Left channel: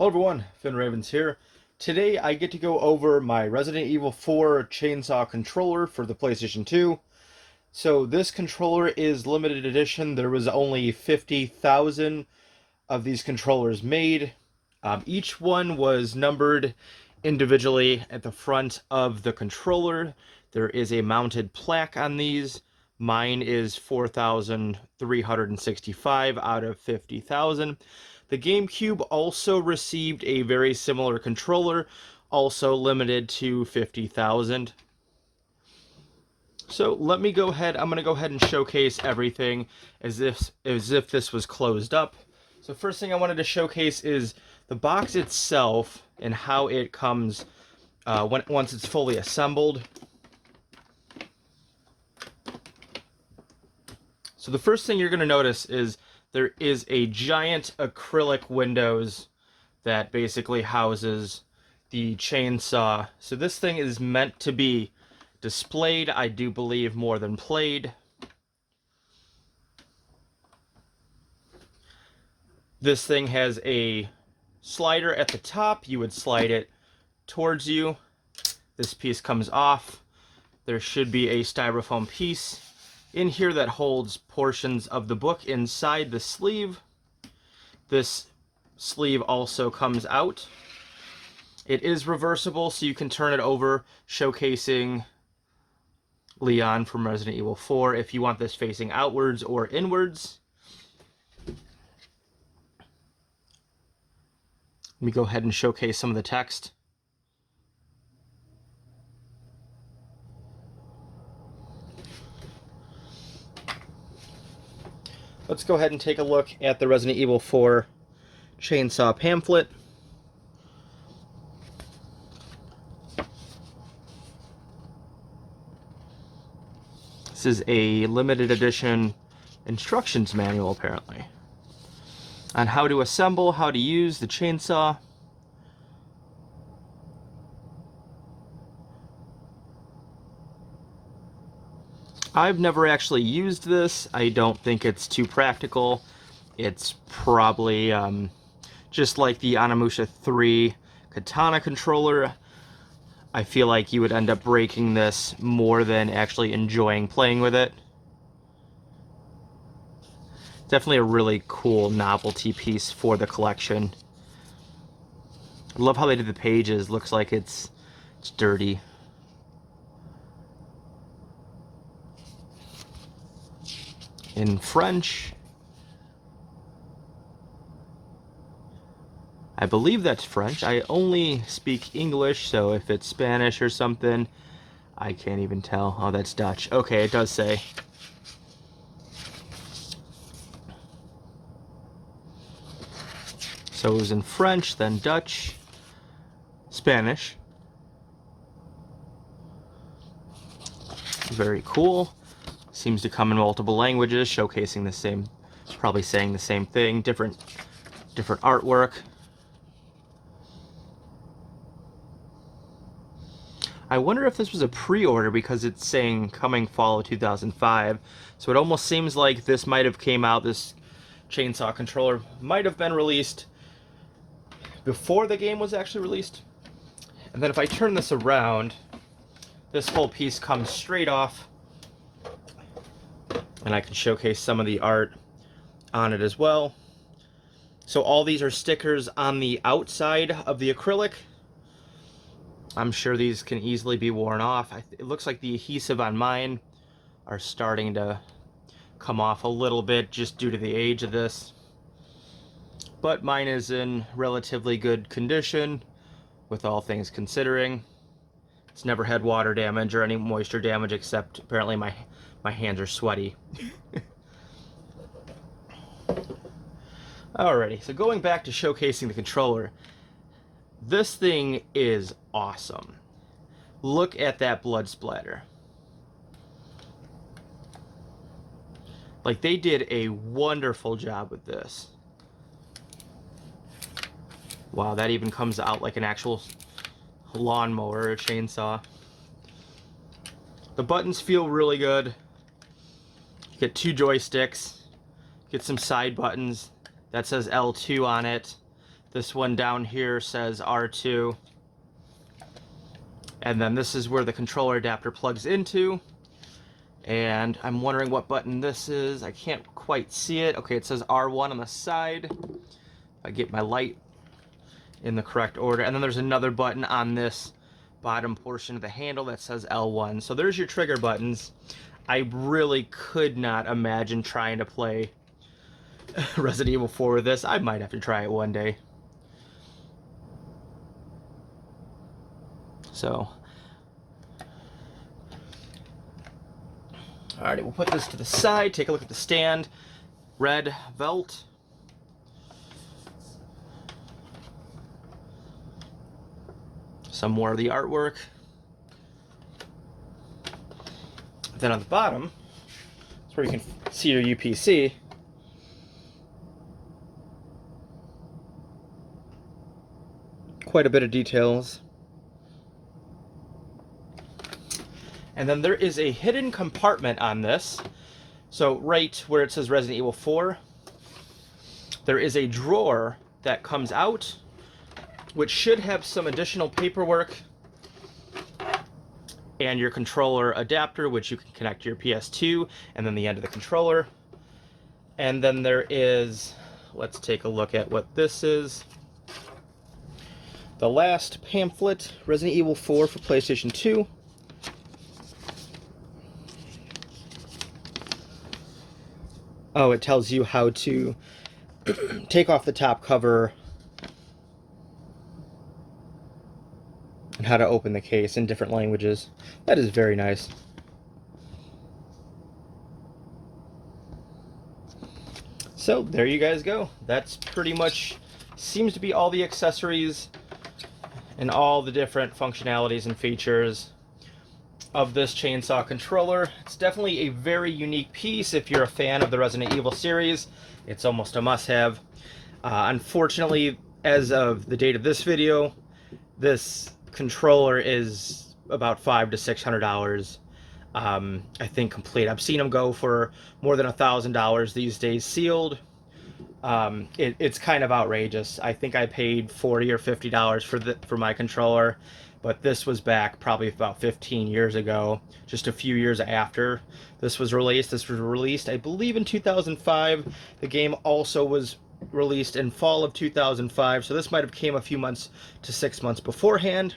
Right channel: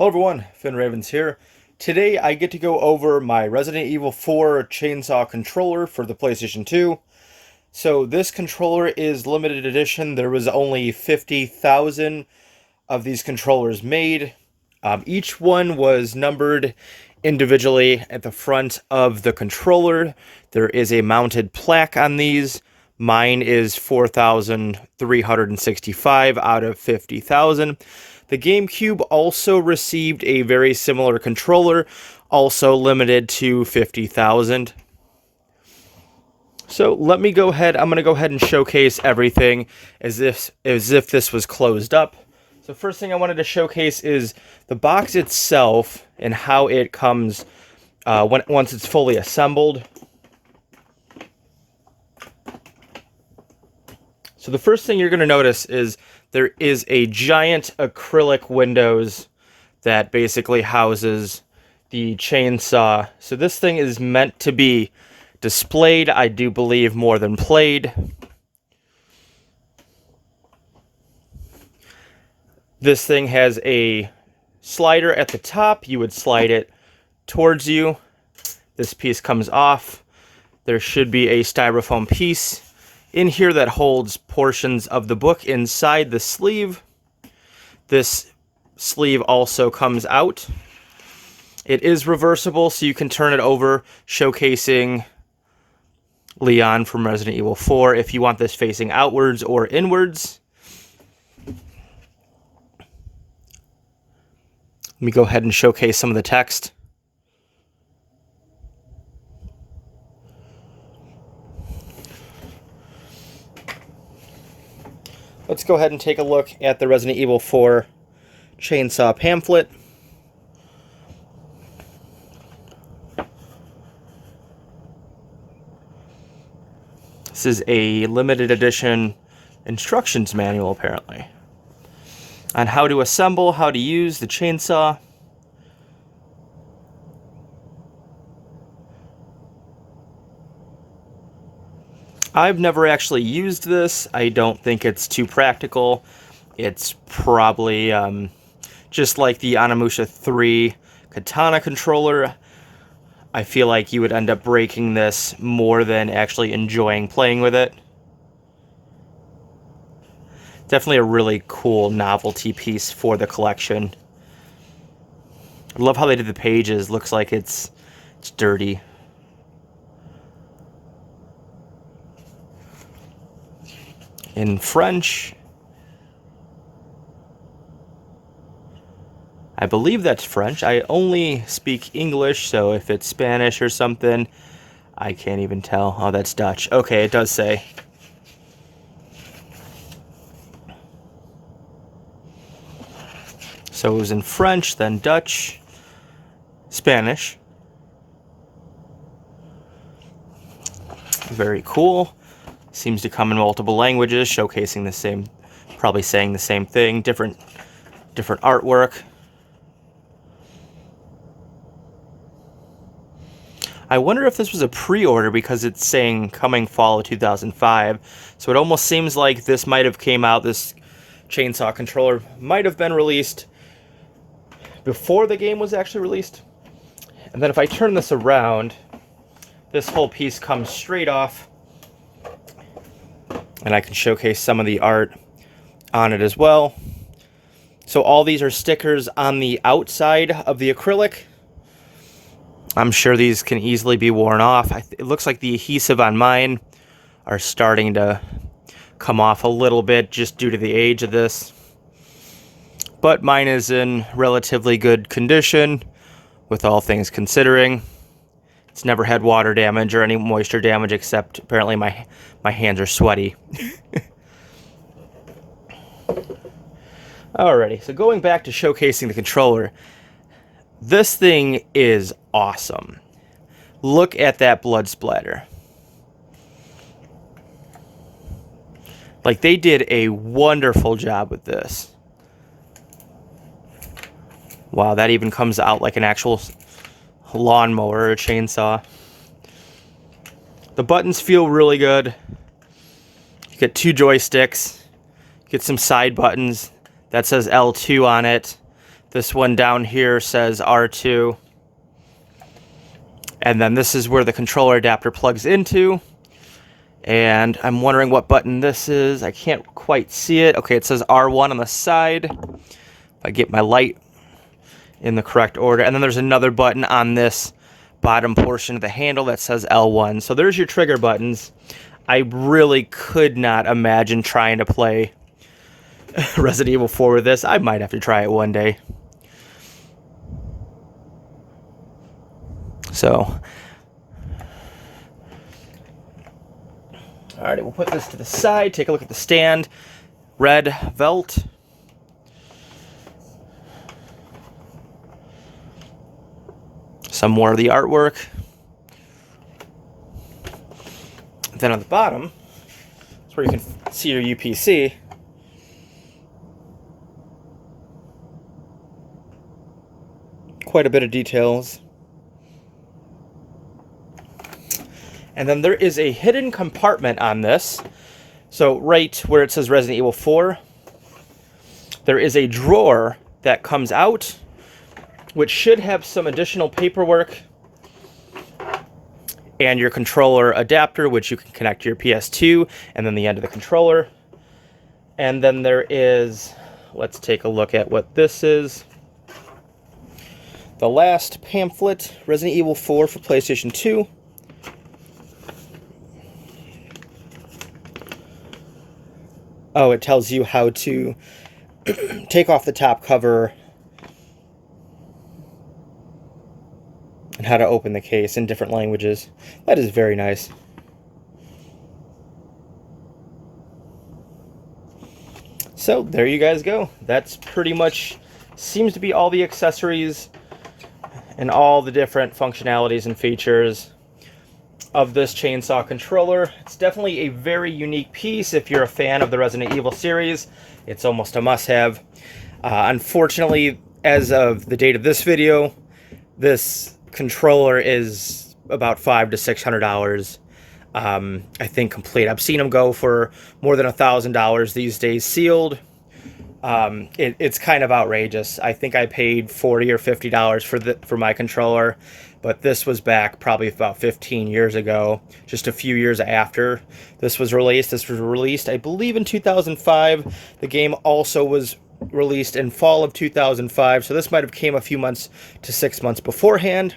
Hello everyone, Finn Ravens here. Today I get to go over my Resident Evil 4 chainsaw controller for the PlayStation 2. So this controller is limited edition. There was only 50,000 of these controllers made. Each one was numbered individually at the front of the controller. There is a mounted plaque on these. Mine is 4,365 out of 50,000. The GameCube also received a very similar controller, also limited to 50,000. So let me go ahead, I'm going to go ahead and showcase everything as if this was closed up. So first thing I wanted to showcase is the box itself and how it comes once it's fully assembled. So the first thing you're going to notice is there is a giant acrylic windows that basically houses the chainsaw. So this thing is meant to be displayed, I do believe, more than played. This thing has a slider at the top. You would slide it towards you. This piece comes off. There should be a styrofoam piece in here that holds portions of the book inside the sleeve. This sleeve also comes out. It is reversible, so you can turn it over, showcasing Leon from Resident Evil 4 if you want this facing outwards or inwards. Let me go ahead and showcase some of the text. Let's go ahead and take a look at the Resident Evil 4 chainsaw pamphlet. This is a limited edition instructions manual, apparently, on how to assemble, how to use the chainsaw. I've never actually used this. I don't think it's too practical. It's probably just like the Onimusha 3 katana controller. I feel like you would end up breaking this more than actually enjoying playing with it. Definitely a really cool novelty piece for the collection. I love how they did the pages. Looks like it's dirty. In French. I believe that's French. I only speak English, so if it's Spanish or something, I can't even tell. Oh, that's Dutch. Okay, it does say. So it was in French, then Dutch, Spanish. Very cool. Seems to come in multiple languages, showcasing the same, probably saying the same thing, different artwork. I wonder if this was a pre-order because it's saying coming fall of 2005. So it almost seems like this might have came out, this chainsaw controller might have been released before the game was actually released. And then if I turn this around, this whole piece comes straight off. And I can showcase some of the art on it as well. So all these are stickers on the outside of the acrylic. I'm sure these can easily be worn off. It looks like the adhesive on mine are starting to come off a little bit just due to the age of this. But mine is in relatively good condition, with all things considering. It's never had water damage or any moisture damage, except apparently my hands are sweaty. Alrighty, so going back to showcasing the controller, this thing is awesome. Look at that blood splatter. Like, they did a wonderful job with this. Wow, that even comes out like an actual lawnmower or a chainsaw. The buttons feel really good. You get two joysticks. Get some side buttons. That says L2 on it. This one down here says R2. And then this is where the controller adapter plugs into. And I'm wondering what button this is. I can't quite see it. Okay, it says R1 on the side. If I get my light in the correct order. And then there's another button on this bottom portion of the handle that says L1. So there's your trigger buttons. I really could not imagine trying to play Resident Evil 4 with this. I might have to try it one day. So, alright, we'll put this to the side, take a look at the stand. Red felt. Some more of the artwork. Then on the bottom, that's where you can see your UPC. Quite a bit of details. And then there is a hidden compartment on this. So right where it says Resident Evil 4, there is a drawer that comes out, which should have some additional paperwork and your controller adapter, which you can connect to your PS2, and then the end of the controller. And then there is, let's take a look at what this is. The last pamphlet, Resident Evil 4 for PlayStation 2. Oh, it tells you how to take off the top cover and how to open the case in different languages. That is very nice. So there you guys go. That's pretty much seems to be all the accessories and all the different functionalities and features of this chainsaw controller. It's definitely a very unique piece if you're a fan of the Resident Evil series. It's almost a must-have. Unfortunately, as of the date of this video, this controller is about $500 to $600. I think complete. I've seen them go for more than $1,000 these days sealed. It's kind of outrageous. I think I paid $40 or $50 for my controller, but this was back probably about 15 years ago, just a few years after this was released. This was released, I believe, in 2005. The game also was released in fall of 2005, so this might have came a few months to 6 months beforehand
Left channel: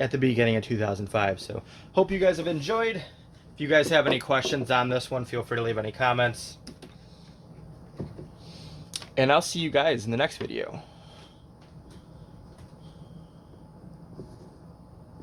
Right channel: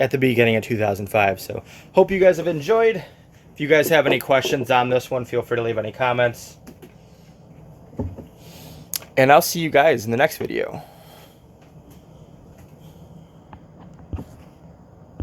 at the beginning of 2005. So hope you guys have enjoyed. If you guys have any questions on this one, feel free to leave any comments. And I'll see you guys in the next video.